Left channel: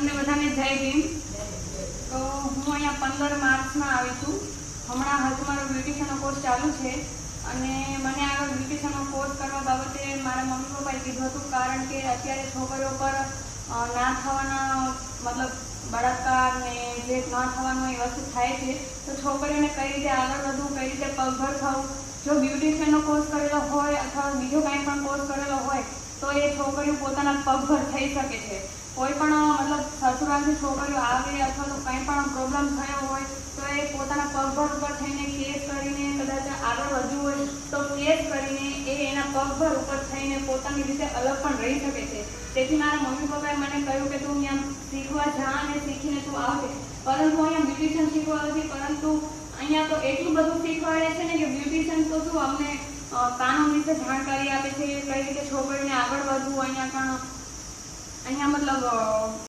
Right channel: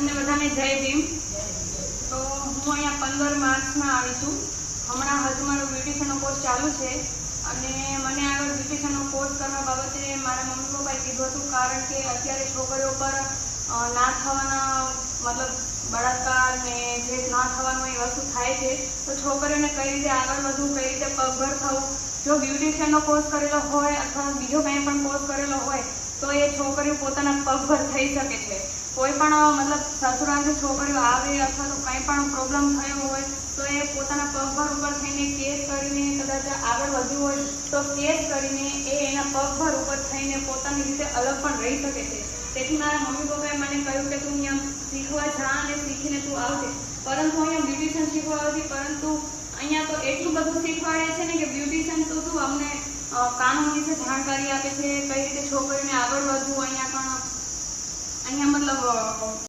તમને બધાને જય ભીમ। તો હું અહીંયા 15 માર્ચમાં આવી છું। હમણાં હજુ મારો બ્યુટિશિયનનો કોર્સ ચાલુ છે અને મને આ બ્યુટિશિયનનો કોર્સ કરવા બાબતે મારા મમ્મી પપ્પાએ કીધું હતું, કારણ કે અત્યારે છોકરીઓ પર ના થવાના મતલબ બળાત્કાર ને જે ના થવાનું એ વસ્તુ થાય છે, તો છોકરીઓને કઈ રીતે આગળ વધવું, કઈ રીતે પગભર થવું। જો બ્યુટિશિયનનો કોર્સ કરેલો હોય અથવા બીજો કંઈ પણ કોર્સ કરેલો હોય તો એ છોકરીઓ પોતાના પગભર થઈ શકે છે। કોઈ પણ મતલબ સસુરાલથી છોકરીઓ આવે અથવા તો કંઈ પણ પ્રોબ્લેમ થયો હોય તો એ પોતાના પગભર ઉપર થઈને કેસ કરીને કદાચ આગળ વધ્યું હોય તો કેસ કરીને એ એના પગભર ઉપર થઈને પોતાની રીતે અલગ પણ રહી શકે છે। તેથી મારા મમ્મી પપ્પાએ મને કહ્યું કે તું અહીંયા શીખવા જા અને શીખીને તું આવજે। પરંતુ અહીંયા બ્યુટિશિયન શીખવા નથી, પરંતુ અહીંયા તો એટલું બધું શીખવાડે છે ને કે બ્યુટિશિયન તો શું અમને કાનૂન વિશે જાણકારી આપે છે, કઈ રીતે છોકરીને આગળ વધવું। અહીંયા મતલબ